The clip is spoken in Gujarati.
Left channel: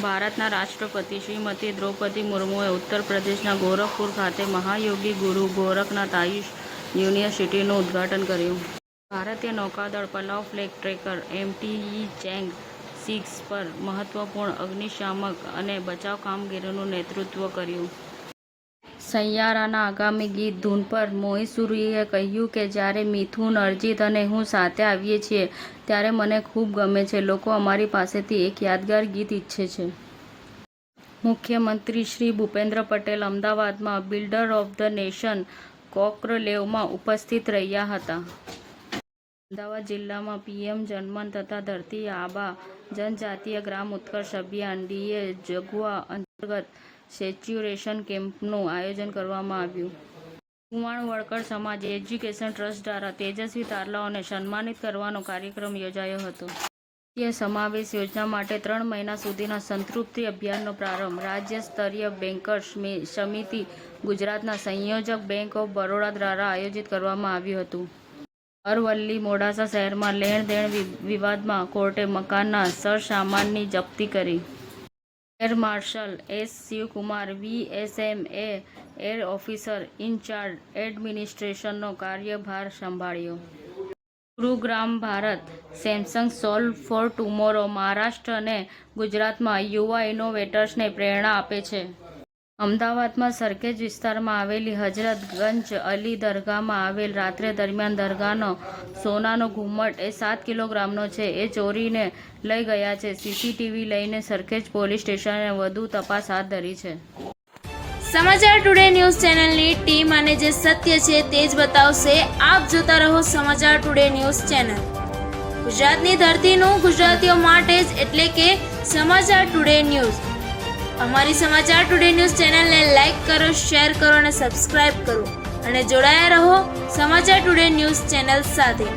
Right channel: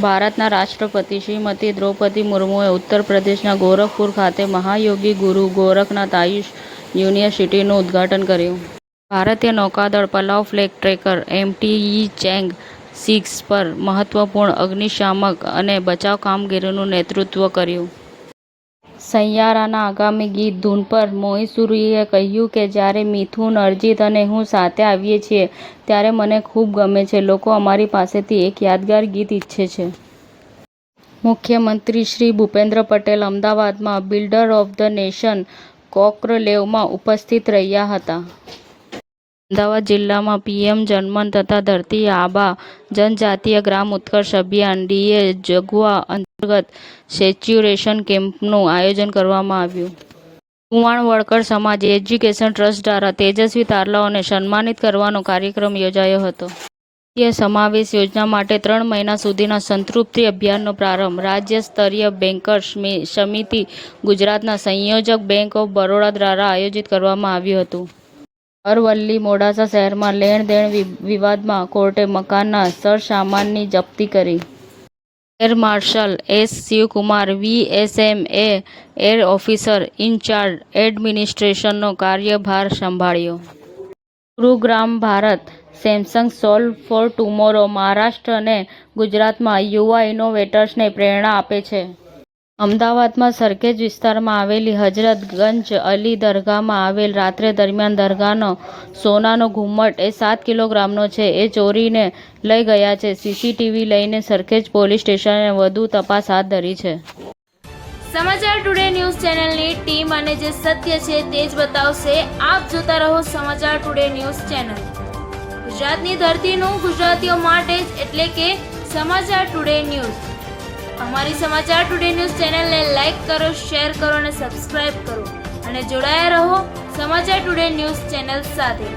ભારતના રાષ્ટ્રપતિ શ્રીમતી દ્રૌપદી મુર્મુએ ઉત્તર પ્રદેશના ગોરખપુર ખાતે મહાયોગી ગુરુ ગોરખનાથ આયુષ યુનિવર્સિટીનું ઉદ્ઘાટન કર્યું. ભારતીય નૌકાદળ પલાવ ફ્લેગ ટ્રેકર MTE ચેંગ 6 પર મહત્વપૂર્ણ અગ્નિશામક અને બચાવ કામગીરીનું નેતૃત્વ કર્યું. સૈયારાના આગામી ગીત ધૂન પર મોહી સુરીએ કહ્યું કે જ્યારે મિથુન, અરિજીત અને હું સાથે આવીએ છીએ ત્યારે મને ખૂબ ગમે છે. લોકો અમારી પાસેથી એક યાદગાર ગીત ઈચ્છે છે. મુખ્યમંત્રી શ્રી ભૂપેન્દ્ર પટેલ અમદાવાદમાં બિલ્ડર ઓફ ધ નેશન કોન્કલેવમાં ઉપસ્થિત રહ્યા હતા. અમદાવાદ જિલ્લામાં PM જનમન તથા ધરતી આબા જનજાતીય ગ્રામ ઉત્કર્ષ અભિયાન DA જગુઆ અંતર્ગત સેચ્યુરેશન કેમ્પનું આયોજન કરવામાં આવ્યું. કુવાણ વળકર સમાજ એજ્યુકેશન ટ્રસ્ટ દ્વારા તેજસ્વી તારલાઓને સન્માનિત કરવાનો કાર્યક્રમ યોજાયો હતો. રાજ્ય સમાવેશ યોજના માટે 3 મહિના સુધીના સંતૃપ્તિ અભિયાનનો પ્રારંભ. રાજ્ય સ્તરીય બેન્કર્સ સમિતિ ગુજરાતના સંયોજક બેંક ઓફ બરોડા દ્વારા આયોજિત કરવામાં આવ્યું હતું. અરવલ્લી મોડાસા શહેરમાં લેણ-દેણ વિવાદમાં કોર્ટે મકાનના સરસામાનની જપ્તી કરી. Air marshal S. Shivkumar VSM એ એર ઓફિસર ઇન્ચાર્જ એડમિનિસ્ટ્રેશનનો કાર્યભાર સંભાળ્યો. Gurugram Bharat Samsung solve for tomorrow Maharashtra અને ગુજરાતમાં યુવા ઇનોવેટર્સને પ્રેરણા આપે છે. અમદાવાદમાં સરખેજ વિસ્તારમાં આવેલી હજરતગંજ અલી દરગાહમાં આવેલ રાત્રે દરમિયાન દરગાહનો સોનાનો ઘુમ્મટ એ 7 કિલોગ્રામનો છે. એ ચોરીને લઈ ગયા છે. CCTV લઈને સરખેજ પોલીસ સ્ટેશને વધુ તપાસ હાથ ધરી છે. સમાચાર ટુડે ન્યૂઝ ચેનલની ટીમ અને જે સત્ય છે તે જ બતાવશે. આપ જોતા રહો સમાચાર ટુડે ન્યૂઝ ચેનલ. ગુજરાતની ધરતીનું ગુજરાતીઓ માટે જ એટલે કે સમાચાર ટુડે ન્યૂઝ. અમારી સમાચાર ટુડે ન્યૂઝ ચેનલને લાઇક કરો, શેર કરો અને સબસ્ક્રાઇબ કરો અને જોડાયા રહો સમાચાર ટુડે ન્યૂઝ ચેનલ સાથે.